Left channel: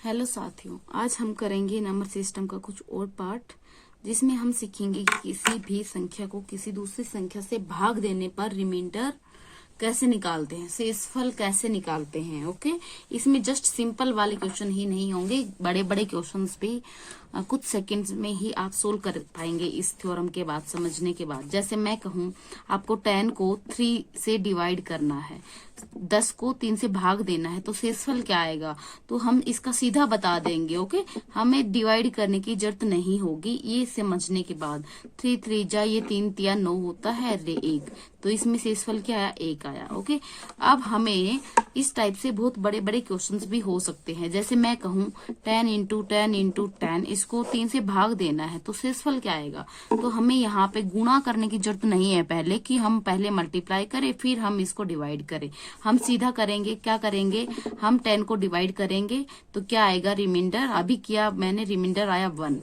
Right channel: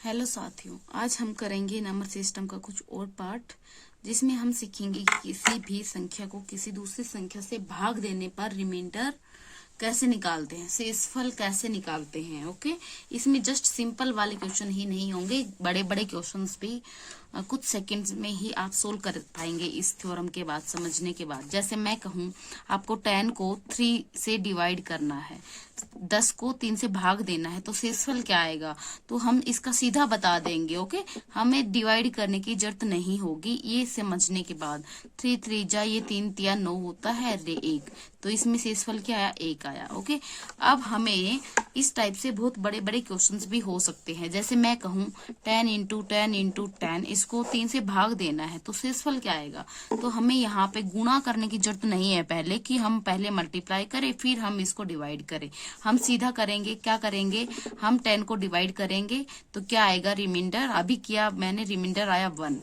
Hello साथियों, आज हम करेंगे नंबर सिस्टम का कुछ और पार्ट, जिसमें हम सीखेंगे कि किसी भी संख्या को किसी दूसरी संख्या से भाग देने पर रिमाइंडर कैसे निकालते हैं, शेषफल कैसे निकालते हैं। ओके, इसमें जस्ट सिंपल वाले क्वेश्चन ही नहीं होंगे, बड़े बड़े क्वेश्चंस भी कुछ सेकंड्स में ही आप सोल्व कर पाएंगे इस थ्योरम के बाद, समझने के बाद। जैसे मैं कहूँ आपको 10 को 3 से डिवाइड करना है, 10 को 3 से भाग देना है, तो शेषफल क्या आएगा, तो हम इसका सीधा बता देंगे। ओके, हमें डिवाइड करने की जरूरत नहीं होगी ये समझने के बाद। 3 3 जा ये 3 तिया 9 होता है, रे 1, तो इसमें शेषफल क्या आया, 1 आया। ओके, अब हमें इस टाइप से बहुत बड़े बड़े क्वेश्चंस भी हो सकते हैं। जैसे मैं कहूँ 10 इंटू 10 इंटू 10, इसको 3 से भाग देना है, तो शेषफल क्या आएगा। तो हमें यहाँ पे गुणा करने की जरूरत नहीं है पहले, कि हम पहले मल्टीप्लाई करें फिर हम इसको डिवाइड करें। हम सीधा करेंगे, क्या करेंगे, हम 10 को डिवाइड करेंगे तो क्या आएगा, रिमाइंडर। अभी किया मैंने, रिमाइंडर आया 1,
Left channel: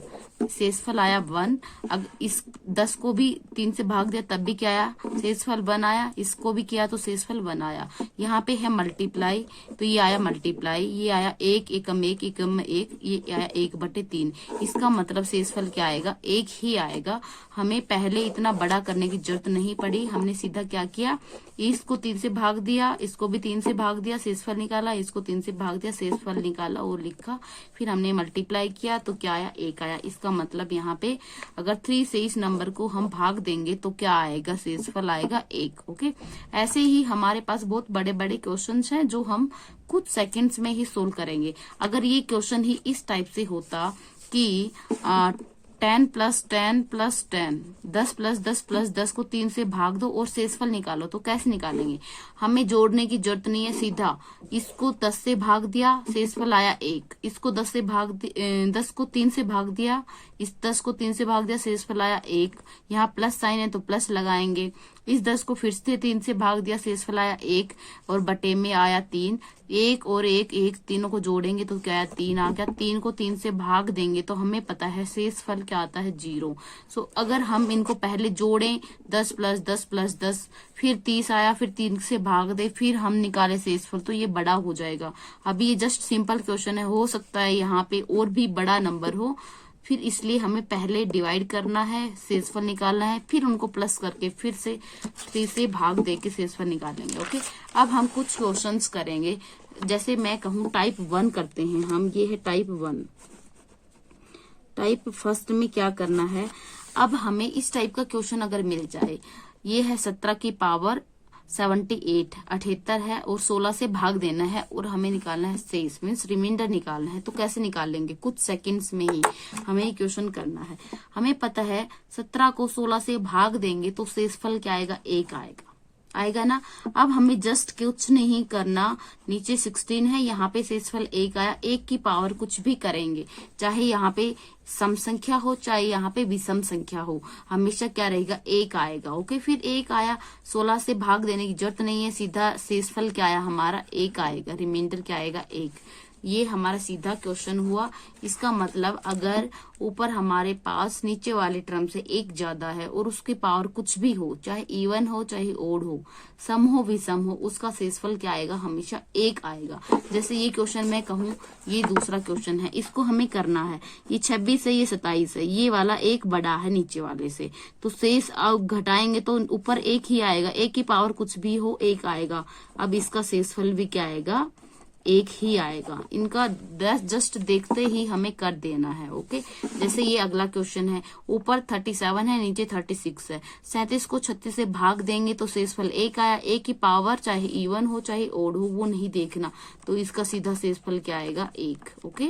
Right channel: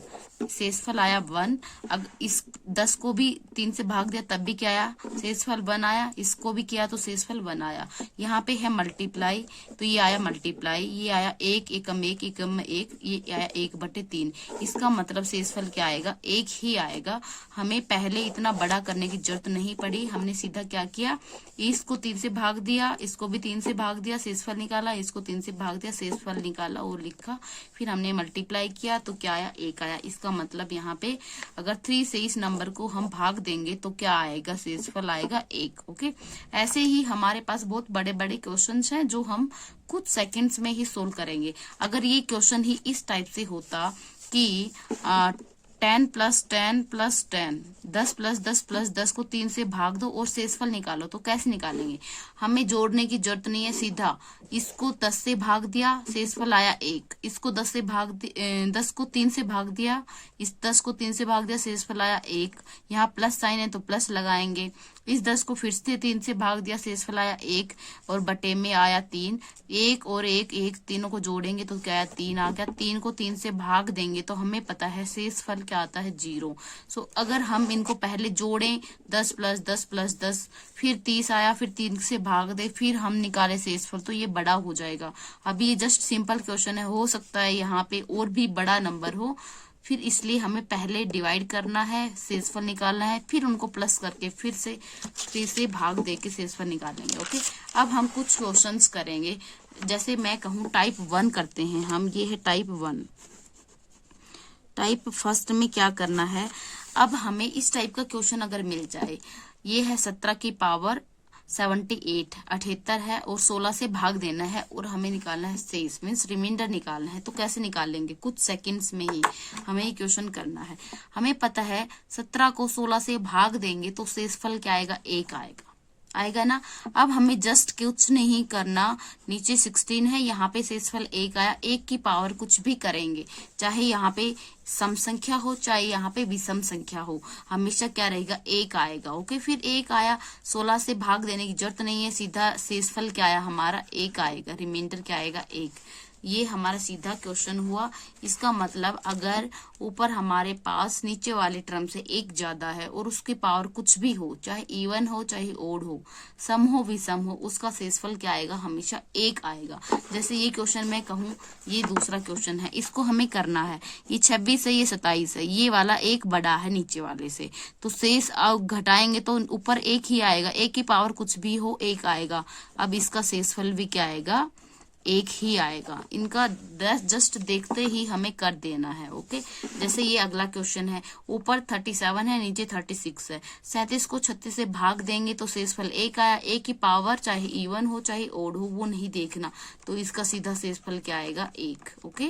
शेषफल आया 1। अब इस 10 को भी 3 से भाग दिया तब भी क्या आया, शेषफल 1 आया। इसको भी किया तो शेषफल 1 आया। यहाँ पे है मल्टीप्लाई, तो ये आया मल्टीप्लाई, ये आया 1 एकम 1 एकम 1, ये आया 1/3। इसका मतलब शेषफल क्या आएगा, 1 ही आएगा। हमें पहले इतना बड़ा करने की जरूरत नहीं पड़ी, हमने सीधा क्या किया, इसको 3 से भाग दिया, इसको भी 3 से भाग दिया, शेषफल निकाला, इसको 3 से भाग दिया, शेषफल निकाला और लिखा, फिर हमने मल्टीप्लाई किया तो क्या आया, 1 आया। इसका मतलब यहाँ पे अगर 3 से इस नंबर को हम भाग देंगे तो क्या आएगा, शेषफल आएगा 1। ओके, ऐसे ही हमारे पास बहुत बड़े बड़े क्वेश्चंस हैं जो हम कुछ सेकंड्स में ही सोल्व करेंगे। अगर ये क्वेश्चन ही इस टाइप से होता कि 10 + 10 + 10, 10 + 10 + 10 को 3 से भाग दो और शेषफल निकालो, तो कैसे निकालेंगे। हमें जोड़ने की जरूरत नहीं है, सीधा इसको 10 से भाग दिया, शेषफल आया 1। इसको 10 को 3 से भाग दिया, इस 10 को 3 से भाग दिया, शेषफल आया 1। यहाँ प्लस साइन है तो प्लस लगाएंगे। इस 10 को फिर से 3 से भाग दिया, शेषफल आया 1 और बटे में आया 3। 1 और 1 1, तीनों को जोड़ेंगे तो क्या आया, 3 आ गया। 3 को 3 से भाग देंगे तो हमें पता है शेषफल क्या आता है, 0। सो अगर हम इनको पहले जोड़ें, 10 + 10 + 10, फिर 30 आया, फिर 3 से भाग दे, फिर हम निकाले शेषफल, तो ये बड़ा हो जाएगा। अभी ये जस्ट सिंपल क्वेश्चन है, हो सकता है यहाँ पे और भी बड़ा नंबर हो, फिर इसलिए हमें पहले डिवाइड करना है, शेषफल निकालना है, फिर उनको प्लस करके फिर से 3 से भाग दे के शेषफल निकालेंगे। ओके, अब हम कुछ क्वेश्चंस करेंगे। जैसे मैं कहूँ टाइप 1 करते हैं हम, ये है टाइप 1। टाइप फर्स्ट में क्या करना है, अब हमें इस टाइप का क्वेश्चन अगर मिल जाए, ये है 17 की पावर 78, 78 है और 16 से भाग देना है और हमें निकालना है शेष, मीन्स रिमाइंडर निकालना है। तो कैसे निकालेंगे, कुछ सेकंड्स में ही हमें ये क्वेश्चन करना है। हमें पता है 17 को 16 से भाग देंगे तो शेषफल क्या आएगा, 1 आएगा ना। अब हमें जस्ट कुछ नहीं करना, नीचे 16 है, यहाँ पे शेषफल 1 आया। 1 की पावर कुछ भी करेंगे, चाहे यहाँ पे सम संख्या हो चाहे यहाँ पे विषम संख्या हो, हमेशा क्या रहेगा, 1 आएगा। ओके, फिर 1 आया, 16 से भाग देने की जरूरत नहीं है, सीधा शेषफल क्या आया हमारा, 1 आएगा, रिमाइंडर क्या आएगा, 1। ये हमारा सीधा क्वेश्चन हुआ। इसका मतलब अगर ऊपर हमारे पास नीचे वाले टर्म से 1 ज्यादा है और उसकी पावर कुछ भी हो, चाहे इवन हो चाहे ओड हो, सम हो विषम हो, उसका शेषफल क्या आएगा, हमेशा 1 आएगा। जैसे ये क्वेश्चन मैं कहूँ, ये दूसरा क्वेश्चन है, इसको हमें करना है, ये 26 है, ये 27 है, ये वाला 1 बड़ा है नीचे वाले से, तो शेष घटाएंगे तो ऊपर 1 ही आएगा, 1 की पावर कुछ भी हो 1 आएगा। अब इसका शेषफल भी क्या आएगा, 1 ही आएगा। इनका जस्ट देखते ही हमें कर देना है। ओके, जैसे ये अगला क्वेश्चन है, ऊपर 37 है, नीचे 36 है, 37 को 36 से भाग देंगे तो शेषफल 1 आया। 1 की पावर चाहे इवन हो चाहे ओड हो वो नहीं देखना, तो इसका सीधा शेषफल क्या आएगा, 1। ओके,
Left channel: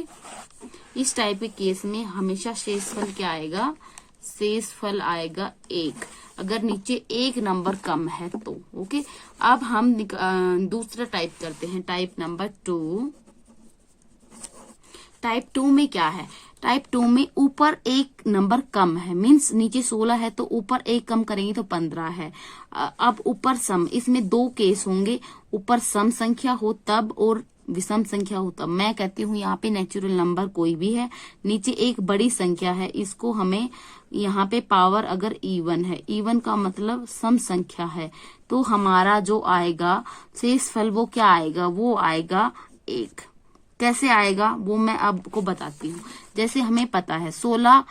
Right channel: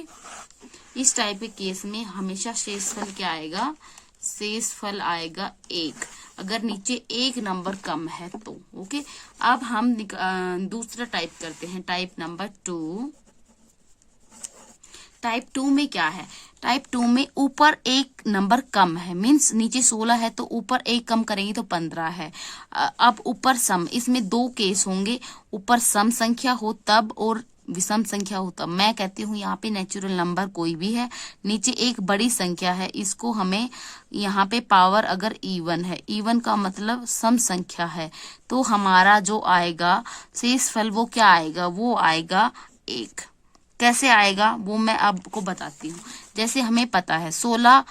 इस टाइप के केस में हमेशा शेषफल क्या आएगा, शेषफल आएगा 1, अगर नीचे 1 नंबर कम है तो। ओके, अब हम दूसरा टाइप करते हैं, टाइप नंबर 2। टाइप 2 में क्या है, टाइप 2 में ऊपर 1 नंबर कम है, मीन्स नीचे 16 है तो ऊपर 1 कम करेंगे तो 15 है। अब ऊपर सम, इसमें 2 केस होंगे, ऊपर सम संख्या हो तब और विषम संख्या हो तब। मैं कहती हूँ यहाँ पे नेचुरल नंबर कोई भी है, नीचे एक बड़ी संख्या है, इसको हमें यहाँ पे पावर अगर इवन है, इवन का मतलब सम संख्या है, तो हमारा जो आएगा शेषफल वो क्या आएगा, वो आएगा 1। कैसे आएगा वो मैं आपको बताती हूँ। जैसे हमें पता है 16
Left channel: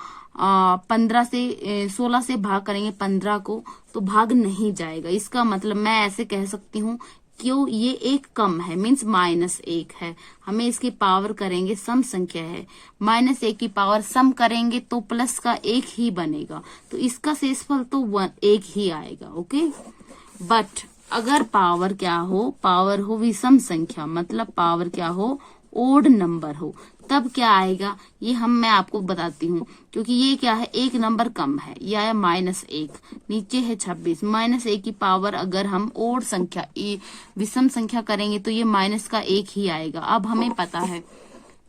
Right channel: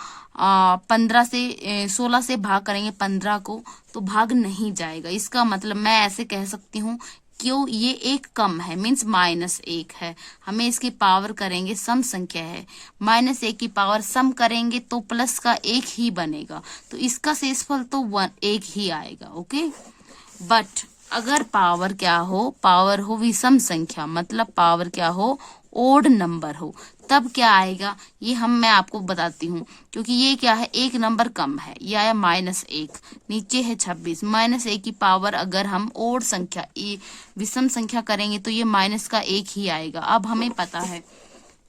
से भाग करेंगे 15 को तो भाग नहीं जाएगा। इसका मतलब मैं ऐसे कह सकती हूँ क्यों ये एक कम है, मीन्स -1 है। हमें इसकी पावर करेंगे, सम संख्या है, -1 की पावर सम करेंगे तो प्लस का 1 ही बनेगा, तो इसका शेषफल तो 1 ही आएगा। ओके, बट अगर पावर क्या हो, पावर हो विषम संख्या, मतलब पावर क्या हो, ओड नंबर हो, तब क्या आएगा ये मैं आपको बताती हूँ। क्योंकि ये क्या है, एक नंबर कम है, ये आया -1, नीचे है 26। -1 की पावर अगर हम ओड संख्या विषम संख्या करेंगे तो ये -1 ही आएगा। अब हमें पता है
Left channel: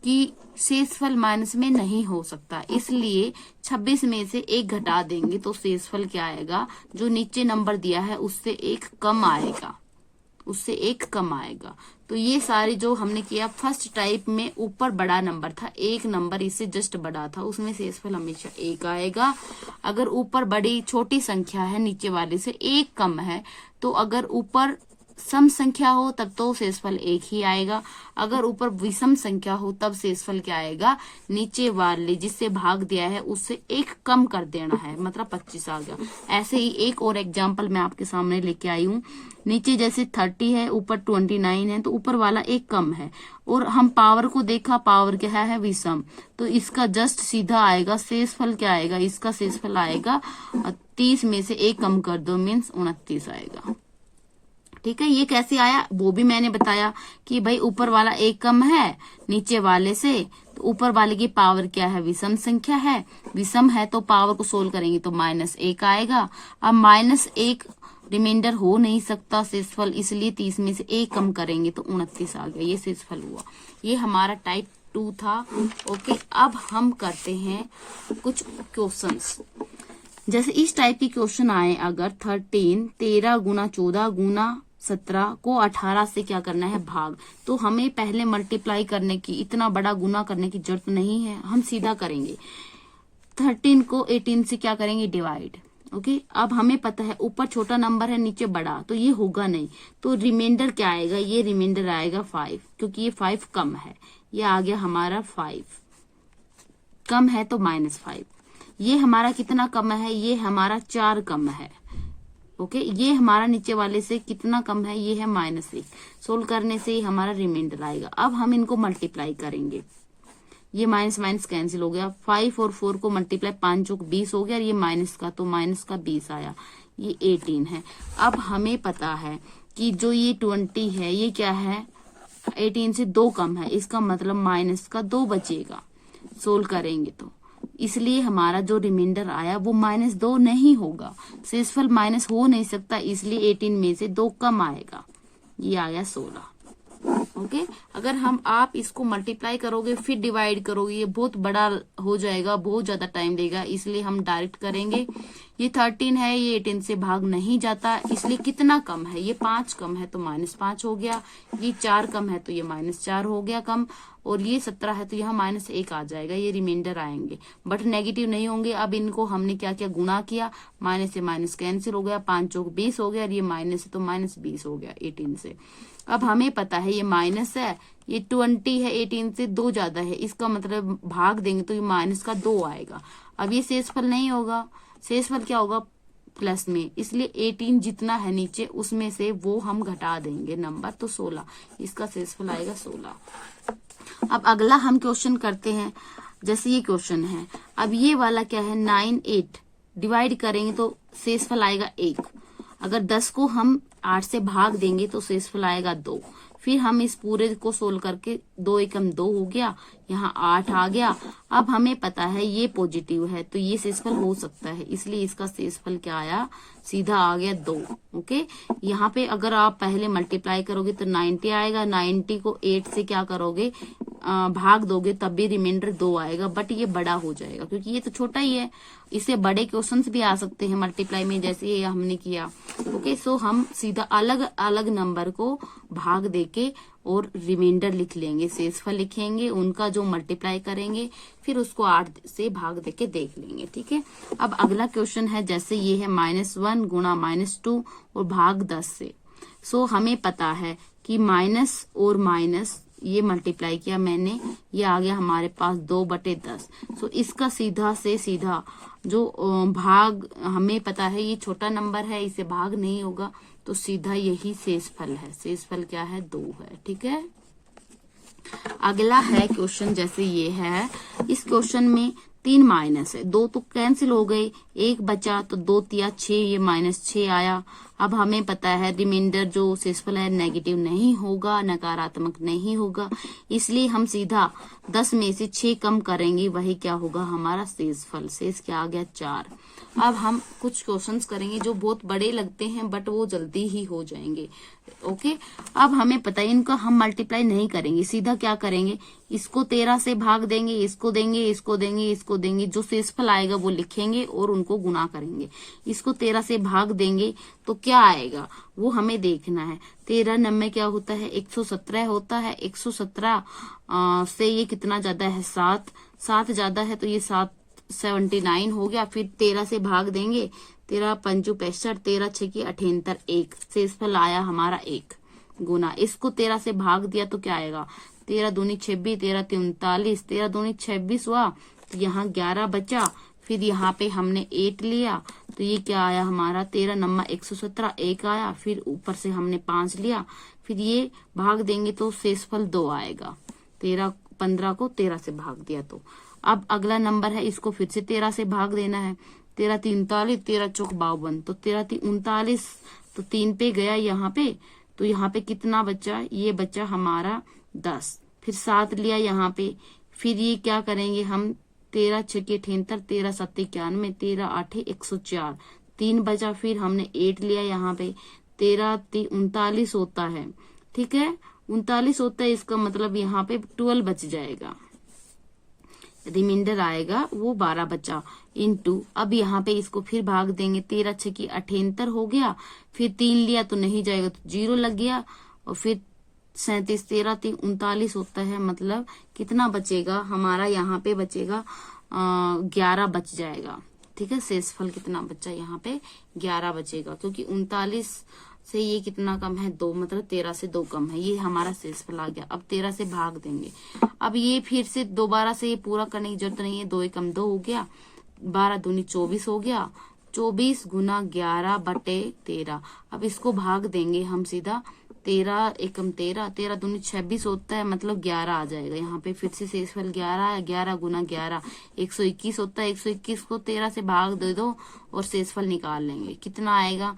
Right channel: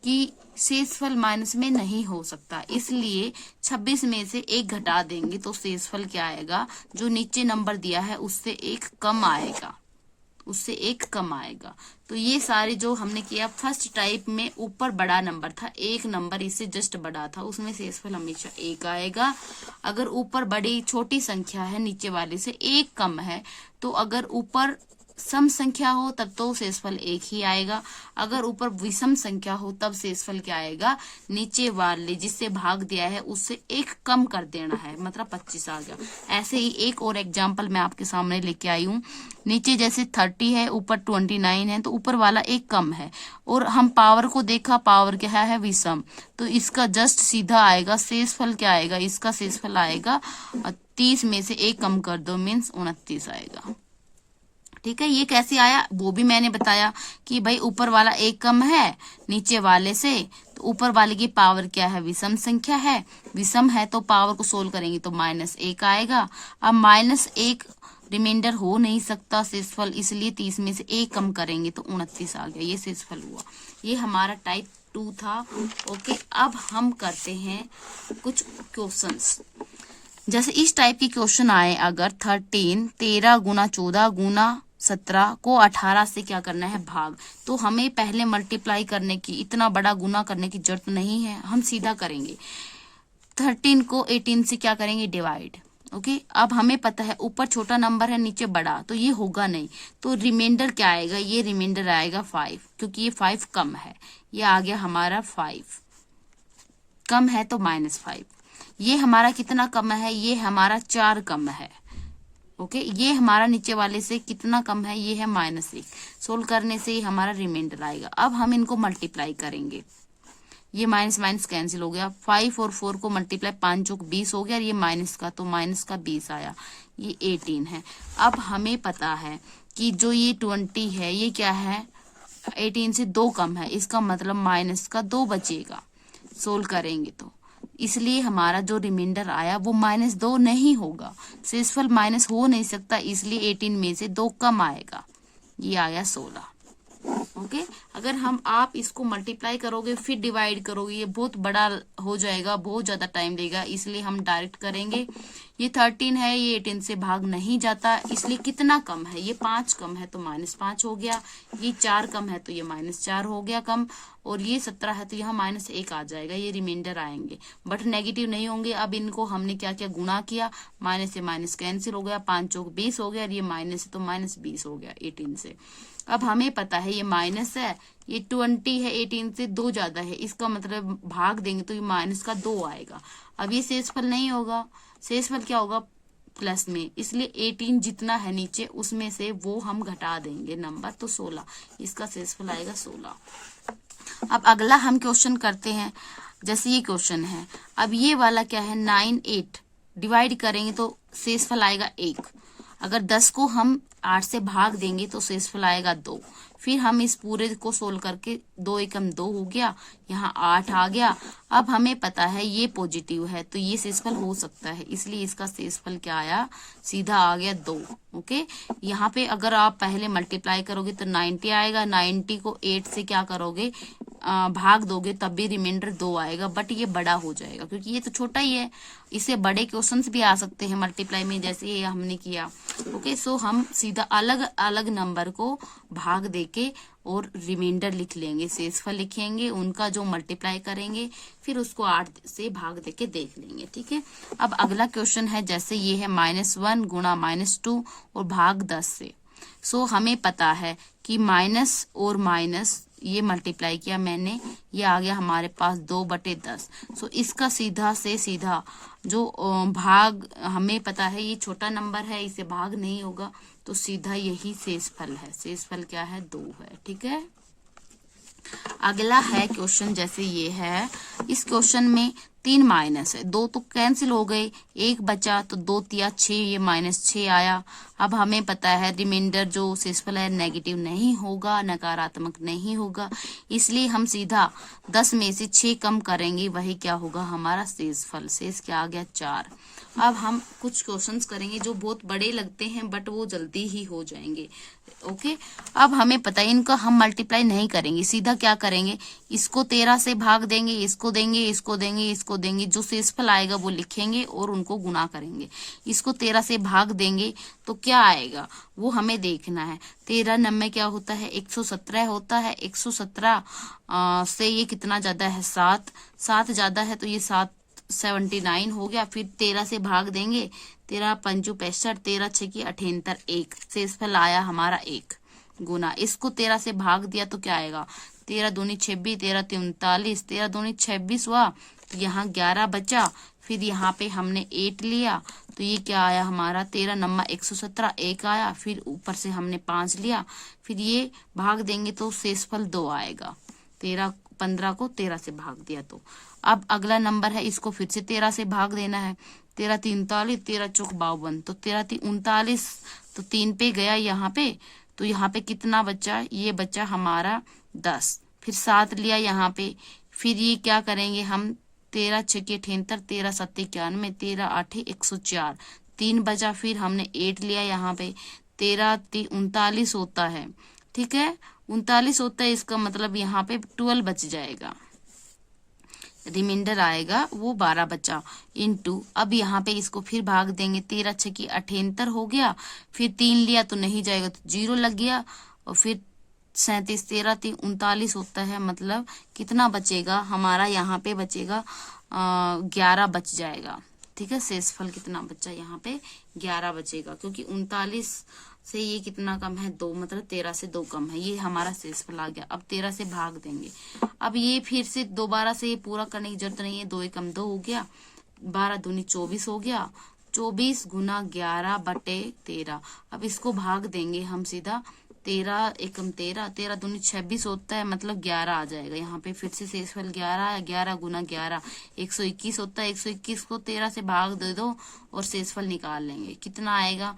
कि शेषफल माइनस में नहीं हो सकता, इसलिए 26 में से 1 घटा देंगे तो शेषफल क्या आएगा, जो नीचे नंबर दिया है उससे 1 कम आएगा, उससे 1 कम आएगा। तो ये सारी जो हमने किया, फर्स्ट टाइप में ऊपर बड़ा नंबर था, 1 नंबर इससे जस्ट बड़ा था, उसमें शेषफल हमेशा 1 आएगा। अगर ऊपर बड़ी छोटी संख्या है, नीचे वाले से 1 कम है, तो अगर ऊपर सम संख्या हो तब तो शेषफल 1 ही आएगा। अगर ऊपर विषम संख्या हो तब शेषफल क्या आएगा, नीचे वाले जिससे भाग दिया है उससे 1 कम कर देना है, मतलब 25 आ गया। ऐसे ही एक और एग्जांपल मैं आपके सामने लेके आई हूँ। नीचे जैसे 30 है, ऊपर 29 है, तो ऊपर वाला 1 कम है और हम पावर को देखा, पावर क्या है, विषम, तो इसका जस्ट सीधा आएगा शेषफल क्या आएगा, इसका शेषफल आएगा 30 में से 1 कम कर दो, मीन्स 29 आएगा। ठीक है, ये कैसे आया वो भी मैंने बताया कि भाई ऊपर वाला 1 कम है नीचे वाले से, तो ऊपर वाले की पावर क्या है, विषम संख्या है, विषम है तो पावर को सोल्व करेंगे तो -1 आएगा। अब -1 रिमाइंडर हो नहीं सकता शेषफल, इसलिए 30 में से 1 कम करेंगे तो 29 आ गया, ये शेषफल हुआ। ये हमारा टाइप 2 था। ओके, अब हम करते हैं कुछ क्वेश्चंस। जैसे इस टाइप के क्वेश्चन आए, अगर 13 गुना 14 गुना 17 को 18 से क्या करना है, भाग, तो हमें पहले मल्टीप्लाई करने की, इतना बड़ा गुना करने की जरूरत नहीं है, हम सीधा करेंगे। 13 को 18 से क्या करेंगे, डिवाइड। ओके, अब हमें पता है ऊपर छोटा नंबर है नीचे बड़ा, तो ये होगा नहीं, तो रिमाइंडर क्या आएगा, ये रिमाइंडर आएगा 5, क्योंकि ये 5 कम है, ये आ गया हमारा 5 कम है तो -5। ये हमारा कितना कम है, ये हमारा 4 कम है। ओके, ये हमारा नीचे वाले से कितना कम है, ये है -1। सोल्व करने से हमारा रिमाइंडर आएगा। अब हम इनको मल्टीप्लाई करेंगे, ये माइनस माइनस कैंसिल हो गया, 5 और 4 को मल्टीप्लाई, 5 चौक 20 हो गया, और ये माइनस का तो माइनस का 20 आया, ये 18 है। अब हमें पता है कि जो ये 20 है ये क्या है, 18 से 2 कम है, इसका मतलब माइनस का 2 बचेगा सोल्व करेंगे तो, इसलिए हमारा जो रिमाइंडर आया वो -2 नहीं होगा, शेषफल माइनस हो नहीं सकता, इसलिए 18 में से 2 कम आएगा, ये आया 16। ओके, अगर आप इसको मल्टीप्लाई करोगे फिर डिवाइड करोगे, ये बहुत बड़ा हो जाएगा, बहुत ज्यादा टाइम लेगा, इसलिए हम डायरेक्ट करेंगे। ये 13 है, ये 18 से भाग नहीं जाता, इसलिए कितना कम है, ये 5 कम है तो -5 हो गया, ये 4 कम है तो ये -4 हो गया कम, और ये 17 है तो यहाँ -1 आ जाएगा, ये रिमाइंडर आएंगे, बट नेगेटिव नहीं होंगे। अब इनको हमने क्या किया, गुणा किया, माइनस से माइनस कैंसिल हो गया, 5 चौक 20 हो गया, और ये माइनस है तो -20 हो गया 18 से। अब हमें पता है ये माइनस है, ये 20 है, 18 से 2 ज्यादा है, इसका मतलब भाग देंगे तो ये माइनस का 2 आएगा। अब ये शेषफल नहीं होगा, शेषफल क्या होगा, प्लस में, इसलिए 18 जितना है नीचे उसमें से वो हम घटा देंगे नंबर, तो 16, इसका शेषफल आएगा 16। अब अगला हम क्वेश्चन करते हैं, जैसे ये क्वेश्चन है, अब ये वाला क्या है, 9 8 डिवाइड करेंगे तो शेषफल आएगा 1, अगर 10 को हम 8 से भाग देंगे तो शेषफल आएगा 2, फिर हम इस पूरे को सोल्व करके 2 एकम 2 हो गया, यहाँ 8 आ गया। अब हमें पता है ये पॉजिटिव है तो ये शेषफल हो सकता है, इसलिए इसका शेषफल क्या आया, सीधा आ गया 2। ओके, यहाँ पे अगर आप पहले मल्टीप्लाई करोगे तो 90 आएगा, 90 को 8 से क्या करोगे, भाग दोगे तब भी रिमाइंडर 2 आएगा, बट ये बड़ा हो जाएगा क्योंकि ये तो छोटा ही है, इसे बड़े क्वेश्चंस भी आ सकते हैं मल्टीप्लाई में, जैसे ये हमने किया। ओके, सो हम सीधा अलग अलग नंबर को भाग देके और रिमाइंडर लिख लेंगे, शेषफल लिखेंगे, उनका जो मल्टीप्लाई करेंगे, फिर उसको 8 से भाग देके देख लेंगे। ठीक है, अब अगला क्वेश्चन है, जैसे ये है -1 गुणा -2 और भाग 10 से। सो हमें पता है कि माइनस और माइनस ये मल्टीप्लाई किया मैंने, ये आ गया हमारे पास 2/10। सो इसका सीधा से सीधा जो भाग हमें पता है ये छोटा नंबर है, इसे भाग नहीं होगा, तो सीधा यही शेषफल है। शेषफल क्या है? 2 है। ठीक है। अगला है क्वेश्चन, जैसे ये है, इस क्वेश्चन में 3 माइनस है, 2 तो कैंसिल हो गए, 1 बचा तो 2 तिया 6, ये -6 आया। अब हमें पता है रिमाइंडर जो शेषफल है नेगेटिव नहीं होगा, नकारात्मक नहीं होगा, इसलिए हम सीधा 10 में से 6 कम करेंगे, वही क्या होगा? हमारा शेषफल। शेष क्या आ गया? 4। अब हम कुछ क्वेश्चंस करेंगे जो बहुत बड़े लगते हैं बट वो जल्दी ही हो जाएंगे। ओके। अब हमें पता है इनका हम मल्टीप्लाई नहीं करेंगे, सीधा क्या करेंगे? इसको 13 से भाग देंगे, इसको देंगे, इसको देंगे, इसको देंगे, जो शेषफल आएगा वो लिखेंगे और उनको गुणा करेंगे। इसको 13 से भाग देंगे तो क्या आएगा वो हमें देखना है। 13 9 क्या होता है? 117 होता है। 117 से ये कितना ज्यादा है? 7 ज्यादा है, तो ये 79 हो गया। फिर 13 से भाग देंगे, 13 पंचू 65, 13 6 की 78, 1 शेषफल आया हमारा 1 गुना। इसको 13 से भाग दिया तो क्या आएगा? 13 दूनी 26, 13 39, 13 दूनी 26 हुआ, तो यहाँ 11 बचा। फिर यहाँ पे हमने 8 लिया, तो ये क्या आया हमारा? 13 9 117, 1 आया। फिर ऊपर से हमने 5 लिया, फिर ये भाग देंगे तो शेषफल 2 आएगा। 15 को 13 से भाग दिया तो। अब अगला नंबर है, इसको फिर से 13 से भाग देना है। 13 43, 13 चौक 52, तो 13 39, तो 3 पे गया यहाँ पे, तो यहाँ पे कितना बचा? ये बचा हमारा 10। फिर 7 लिया यहाँ पे, फिर ये क्या करेंगे हम? 13 6 की 78, 13 7 91, 13 8 104, 3 बचा। फिर हमने 8 लिया यहाँ पे, 13 39 होता है। ठीक है, 39 होता है, इसका मतलब यहाँ पे 12 बच जाएगा, रिमाइंडर आएगा वो 12 बचा। इनटू, अब यहाँ पे इसको फिर भाग देंगे, 13 6 की 78 हो गया। फिर 3 लिया तो नहीं जाएगा, तो 0 लग गया। और फिर 37, 13 3 39 होता है, मतलब कितना बचेगा हमारा? यहाँ पे बचेगा 11 बच जाएगा। ठीक है, शेषफल कितना बचा? यहाँ पे 11 बचेगा, क्योंकि 39 से ये कितना कम है? 2, मतलब 13 से 2 कम है, ये हमारा शेषफल आ गया। अब 13 से भाग देंगे, अब ये फिर से दोबारा से ये पूरा करने की जरूरत नहीं है, 2 एकम 2 हो गया, 12 दूनी 24 हो गया, 24 गुना 11/13। अब इसको भाग देंगे हम सीधा, 13 एकम 13, 13 दूनी 26 होता है, मतलब 11 आ जाएगा। यहाँ पे फिर से शेषफल 11 है, 11 गुना 11 121 होता है। 121 को 13 से भाग दे दो और शेषफल निकाल लेंगे, कितना आएगा?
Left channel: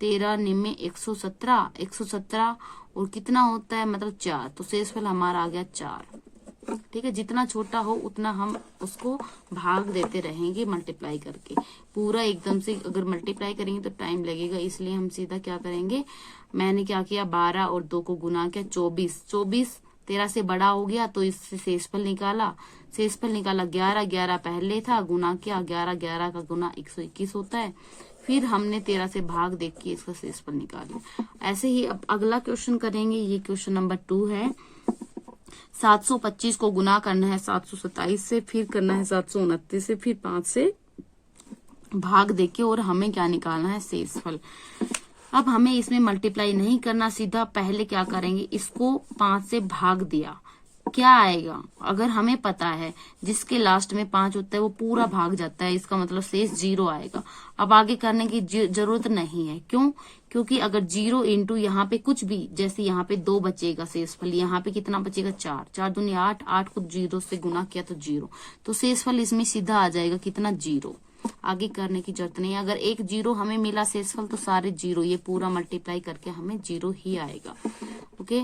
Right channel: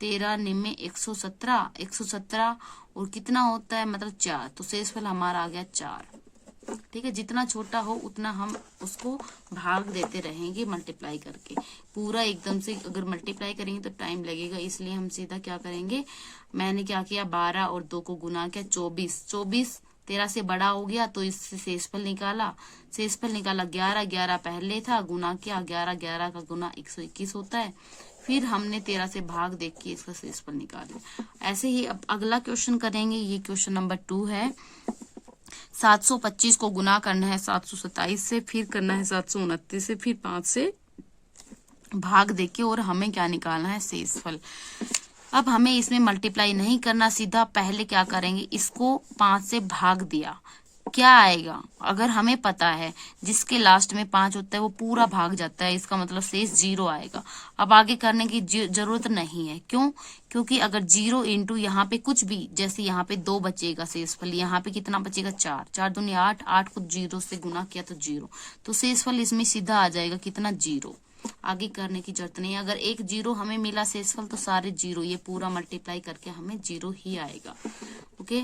13 9 117, 117 और कितना होता है? मतलब 4, तो शेषफल हमारा आ गया 4। ठीक है, जितना छोटा हो उतना हम उसको भाग देते रहेंगे मल्टीप्लाई करके। पूरा एकदम से अगर मल्टीप्लाई करेंगे तो टाइम लगेगा, इसलिए हम सीधा क्या करेंगे? मैंने क्या किया? 12 और 2 को गुना किया, 24। 24 13 से बड़ा हो गया, तो इससे शेषफल निकाला। शेषफल निकाला 11, 11 पहले था, गुना किया 11, 11 का गुना 121 होता है। फिर हमने 13 से भाग देख के इसका शेषफल निकाला। ऐसे ही अब अगला क्वेश्चन करेंगे, ये क्वेश्चन नंबर 2 है। 725 को गुना करना है 727 से, फिर करना है 729 से, फिर 5 से भाग देके, और हमें क्या निकालना है? शेषफल। अब हमें इसमें मल्टीप्लाई नहीं करना, सीधा पहले क्या करेंगे? इसको 5 से भाग दिया, क्या आएगा? अगर हमें पता है जिसके लास्ट में 5 होता है वो पूरा भाग जाता है, इसका मतलब शेष 0 आएगा। अब आगे करने की जरूरत नहीं है, क्यों? क्योंकि अगर 0 इंटू यहाँ पे कुछ भी, जैसे यहाँ पे 2 बचेगा शेषफल, यहाँ पे कितना बचेगा? 4, 4 दूनी 8, 8 को 0 से गुना किया तो 0, तो शेषफल इसमें सीधा आ जाएगा कितना? 0। आगे करने की जरूरत नहीं है। अगर एक 0 हमें मिला शेषफल तो सारे 0, ये पूरा मल्टीप्लाई करके हमें 0 ही आएगा। ओके,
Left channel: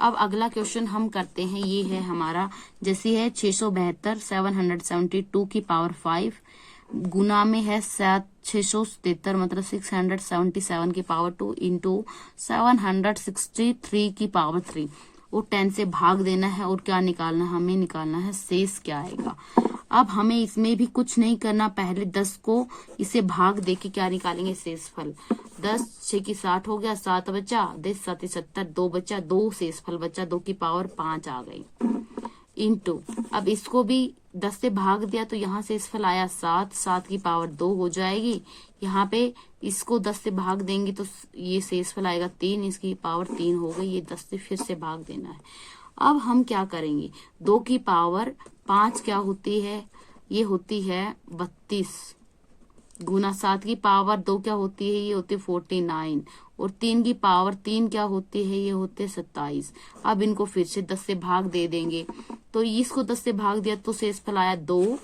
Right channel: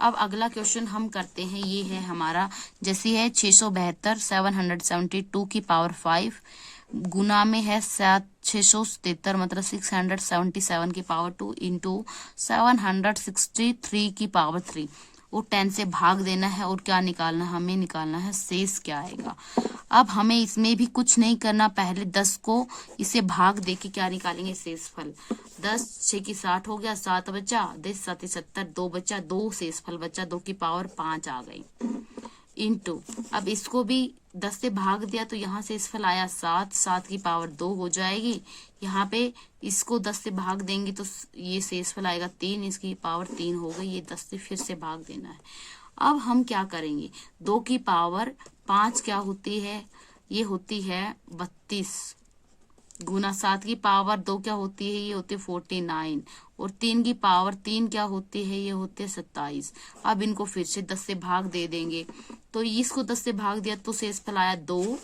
अब अगला क्वेश्चन हम करते हैं, ये है हमारा, जैसी है 672 772 की पावर 5, गुना में है 673, मतलब 677 की पावर 2 इंटू 763 की पावर 3, और 10 से भाग देना है। और क्या निकालना? हमें निकालना है शेष क्या आएगा। अब हमें इसमें भी कुछ नहीं करना, पहले 10 को इसे भाग देके क्या निकालेंगे? शेषफल। 10 6 की 60 हो गया, 7 बचा, 10 7 70, 2 बचा, 2 शेषफल बचा, 2 की पावर 5 आ गई, इंटू, अब इसको भी 10 से भाग दिया तो यहाँ शेषफल आया 7, 7 की पावर 2 हो जाएगी। यहाँ पे इसको 10 से भाग देंगे तो ये शेषफल आएगा 3, इसकी पावर 3 हो गई, ये 10 से फिर से भाग देना है। अब हम क्या करेंगे, 2 की पावर 5 क्या होती है, ये होती है 32 गुना 7 की पावर 2 क्या होती है, ये होती है 49 और 3 की पावर 3 क्या होती है, ये होते 27। अब इनको फिर से 10 से भाग दे देंगे, तो इसको 10 से भाग दिया तो शेषफल आया 2,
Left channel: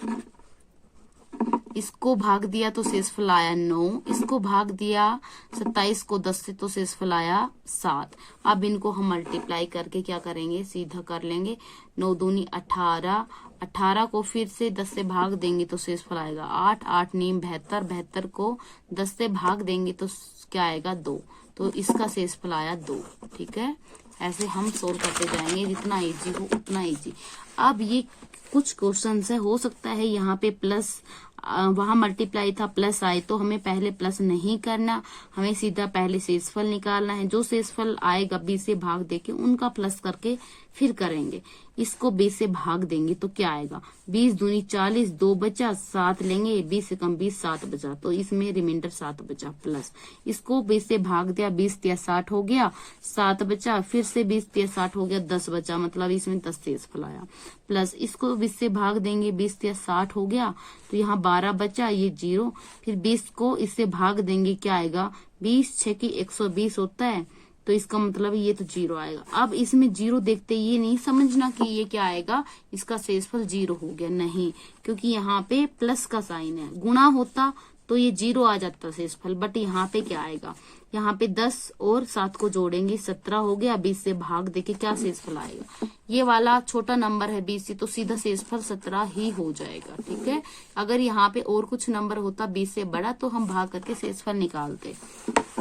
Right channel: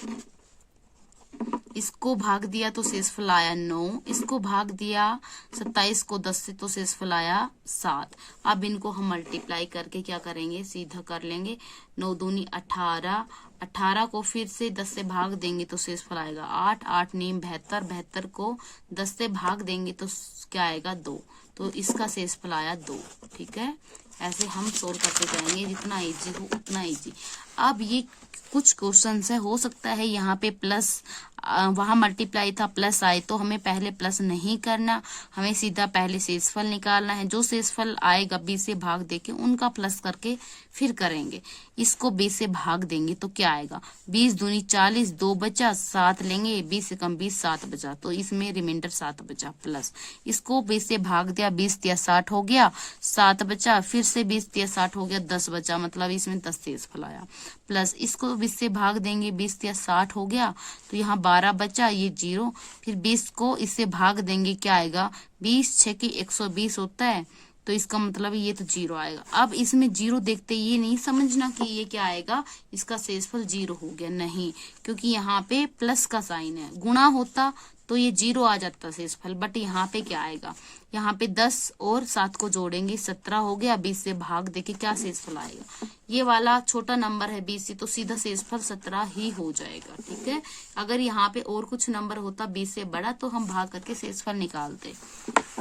इसको भाग दिया तो शेषफल आया 9, इसको भाग दिया 27 को 10 से तो शेषफल आया 7। अब इनको हम मल्टीप्लाई करके क्या करेंगे, सीधा कर लेंगे, 9 दूनी 18, 18 को फिर से 10 से भाग देंगे तो शेषफल आएगा 8, 8 नीम 72, 72 को 10 से भाग देंगे तो क्या आएगा 2, तो इसका शेषफल आया 2। ठीक है, ऐसे हम सोल्व करते जाएंगे, जितना इजी हो उतना इजी। अब ये कुछ क्वेश्चन है, हो सकता है यहाँ पे प्लस वहां मल्टीप्लाई था प्लस आए, तो हमें पहले प्लस नहीं करना, हमें सीधा पहले शेषफल निकालना है। जो शेषफल आएगा 20 से भाग देके उनका प्लस करके फिर करेंगे। इसको 20 से भाग देंगे तो क्या आएगा, 20 दूनी 40, 2 बचा, 7 लेंगे, 20 से कम 20, 7 बचा, तो इसमें रिमाइंडर 7 बचा प्लस। इसको 20 से भाग दिया, 20 या 60 हो गया, 7 बचा, फिर से 20 या 60 हो गया, 10 बचा, मतलब इसमें 10 शेषफल आया प्लस। इसको 20 से भाग देंगे, 20 या 60 हो गया, तो यहाँ 12 बचा, ये 0, फिर 20 को इससे भाग देंगे, क्या आएगा, 20 6 की 120 होता है, तो इसका मतलब ये तो 0 आएगा। अब इसमें 0 देखते ये नहीं समझना कि ये क्या आएगा, इसका शेषफल 0 हो गया, नहीं, क्योंकि यहाँ पे प्लस का साइन है, गुणा होता तो ये 0 आ जाता शेषफल, बट यहाँ पे क्या आएगा, यहाँ पे 10 और 7 को जोड़ेंगे 17 हो गया, 20 से भाग देके क्या शेषफल आएगा, ये वाला छोटा नंबर है 20 से, तो सीधा शेषफल 17 ही हो जाएगा। ठीक है, अगर यहाँ पे और कुछ नंबर होता 20 से बड़ा तो हम भाग करके शेषफल निकालते।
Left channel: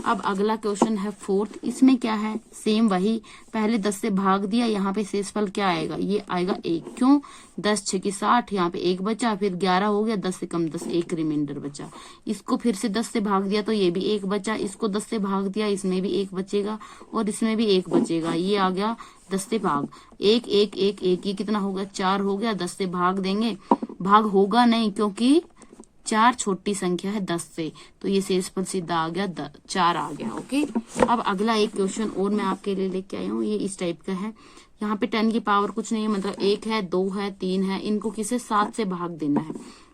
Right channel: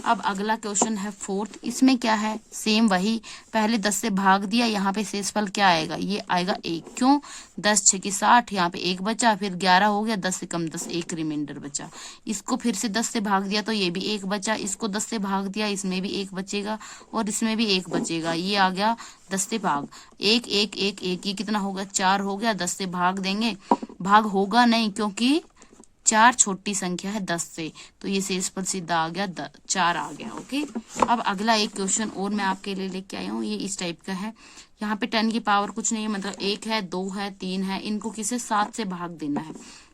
अब अगला क्वेश्चन है 4th, इसमें क्या है, सेम वही, पहले 10 से भाग दिया, यहाँ पे शेषफल क्या आएगा, ये आएगा 1, क्यों, 10 6 की 60, यहाँ पे 1 बचा, फिर 11 हो गया, 10 से कम 10, 1 रिमाइंडर बचा। इसको फिर से 10 से भाग दिया तो ये भी 1 बचा, इसको 10 से भाग दिया, इसमें भी 1 बचेगा और इसमें भी 1 बचेगा, ये आ गया 10 से भाग, 1 1 1 1, ये कितना हो गया, 4 हो गया, 10 से भाग देंगे, भाग होगा नहीं क्योंकि 4 छोटी संख्या है 10 से, तो ये शेषफल सीधा आ गया 4 आ गया। ओके, अब अगला एक क्वेश्चन और मैं आपके लिए लेके आई हूँ, ये इस टाइप का है। यहाँ पे 10 की पावर कुछ नहीं है, मतलब 1 है, 2 है, 3 है, इनको किसे 7 से भाग देना है।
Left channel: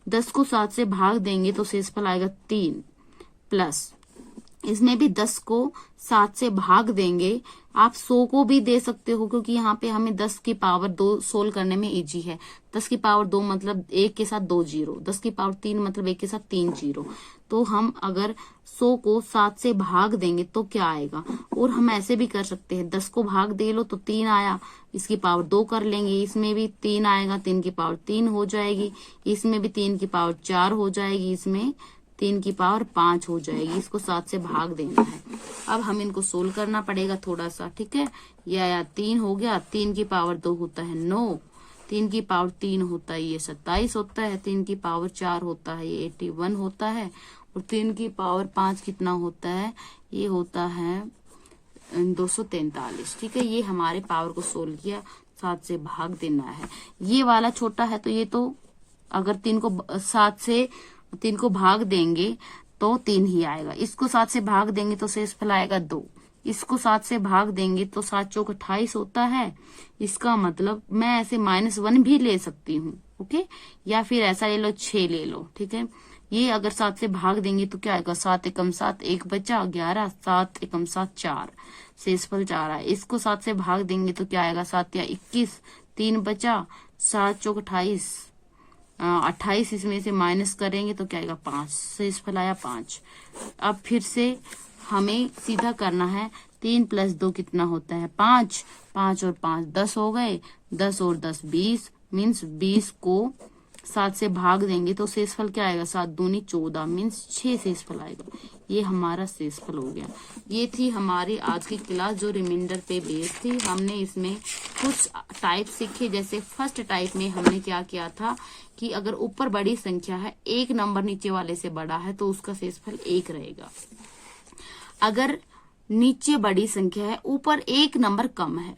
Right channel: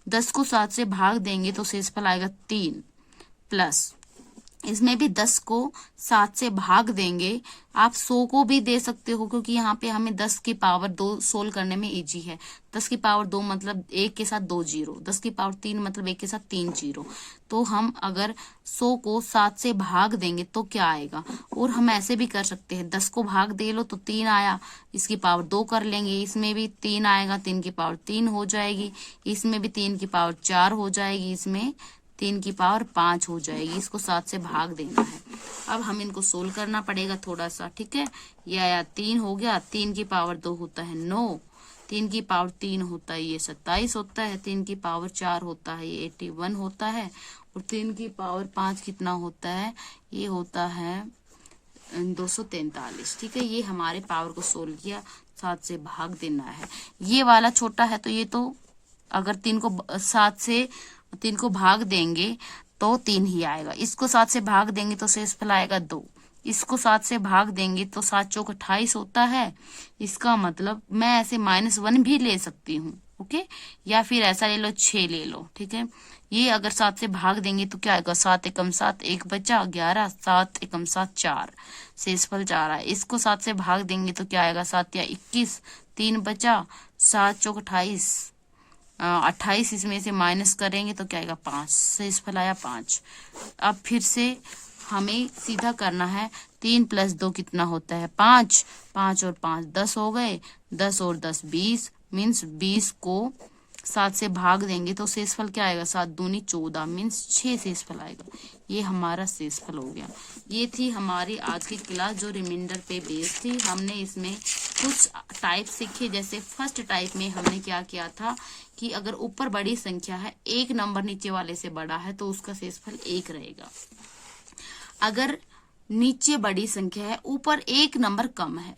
10 को 7 से भाग देंगे तो शेषफल आएगा 3 प्लस, इसमें भी 10 को 7 से भाग देंगे, आप 100 को भी दे सकते हो क्योंकि यहाँ पे हमें 10 की पावर 2 सोल्व करने में इजी है। 10 की पावर 2 मतलब 1 के साथ 2 जीरो, 10 की पावर 3 मतलब 1 के साथ 3 जीरो, तो हम अगर 100 को 7 से भाग देंगे तो क्या आएगा। और हम ऐसे भी कर सकते हैं, 10 को भाग दे लो तो 3 आया, इसकी पावर 2 कर लेंगे, इसमें भी 3 आएगा, 3 की पावर 3 हो जाएगी, इसमें भी 3 की पावर 4 हो जाएगी, इसमें 3 की पावर 5 हो जाएगी, इसको 7 से भाग देना है। अब हम इनको सोल्व करना पड़ेगा थोड़ा सा। ठीक है, ये आया 3 हो गया, 3 की पावर 2 होता है 9, 3 की पावर 3 होता है ये 27 होता है, 3 की पावर 4 होता है ये 81 होता है, और 3 की पावर 5 कितना होता है, ये होता है 243। ठीक है, ये हमारे पावर को सोल्व किया, 7 से भाग देना है। ये वाला छोटा है तो ये तो अगर 3 को 7 से 3 को भाग देंगे तो 3 ही आएगा, इसको 7 से भाग देंगे तो शेषफल आएगा 2, इसको 7 से भाग देंगे तो 7 चौक 28 होता है। इसका मतलब मैं ऐसे -1 भी ले सकती हूँ, ओके, या फिर ऐसा ले लो 6 ले लो। ठीक है, ये अगर 7 से भाग देंगे तो क्या आएगा, 7 एकम 7, 1 बचा, 11, 7 एकम 7 4, शेषफल 4 है। इसको 7 से भाग देंगे तो क्या आएगा, 7 या 21, 3 बचा, 7 चौक 28, 28 इसमें से माइनस करेंगे तो क्या आएगा 5, शेषफल आया 5। अब फिर से हमें सीधा करना है, 3 + 2 कितना होता है 5, 5 और 5 10 हो गए, 10 और 10 20, मीन्स 20 को 7 से भाग देंगे तो शेषफल क्या आएगा, 7 दूनी 14, मीन्स 6 शेषफल आएगा। ये हमारा शेषफल हो गया। ये थी हमारी आज की क्लास जो रिमाइंडर पे बेस्ड थी। हमने इसमें कुछ टाइप सीखे, जैसे फर्स्ट टाइप में हमने क्या किया था कि अगर ऊपर बड़ी संख्या है, एक नंबर नीचे वाले से बड़ा है तो उसका शेषफल 1 रहेगा। अगर नीचे बड़ी संख्या है, ऊपर एक नंबर कम है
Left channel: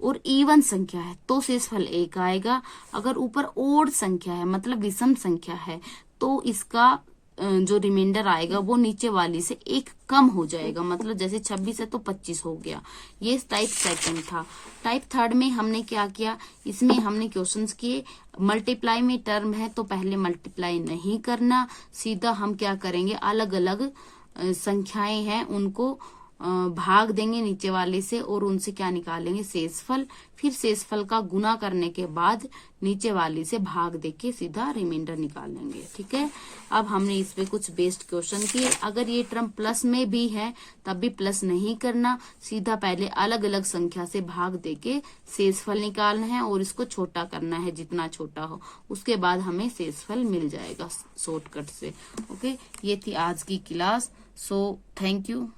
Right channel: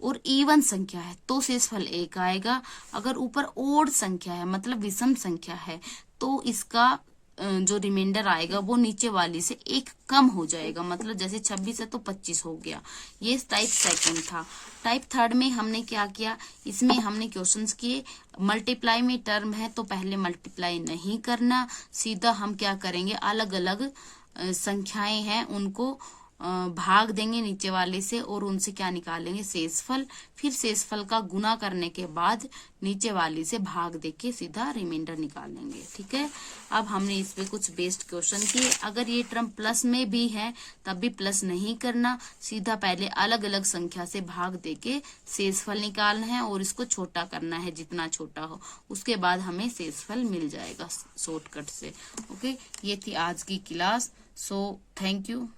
और इवन संख्या है तो शेषफल 1 आएगा। अगर ऊपर ओड संख्या है मतलब विषम संख्या है तो इसका जो रिमाइंडर आएगा वो नीचे वाली से एक कम हो जाएगा, मतलब जैसे 26 है तो 25 हो गया। ये टाइप सेकंड था। टाइप थर्ड में हमने क्या किया, इसमें हमने क्वेश्चंस किए, मल्टीप्लाई में टर्म है तो पहले मल्टीप्लाई नहीं करना, सीधा हम क्या करेंगे, अलग अलग संख्याएं हैं उनको भाग देंगे नीचे वाले से और उनसे क्या निकालेंगे, शेषफल। फिर शेषफल का गुना करने के बाद नीचे वाले से भाग देके सीधा रिमाइंडर निकालेंगे। ठीक है, अब हमने इस पे कुछ बेस्ड क्वेश्चन किए। अगर ये टर्म प्लस में भी है तब भी प्लस नहीं करना, सीधा पहले अलग अलग संख्या से भाग देके शेषफल निकालना है और इसको छोटा करना है जितना छोटा हो, उसके बाद हमें शेषफल मिल जाएगा शॉर्टकट से। ओके, ये थी आज की क्लास। So thank you.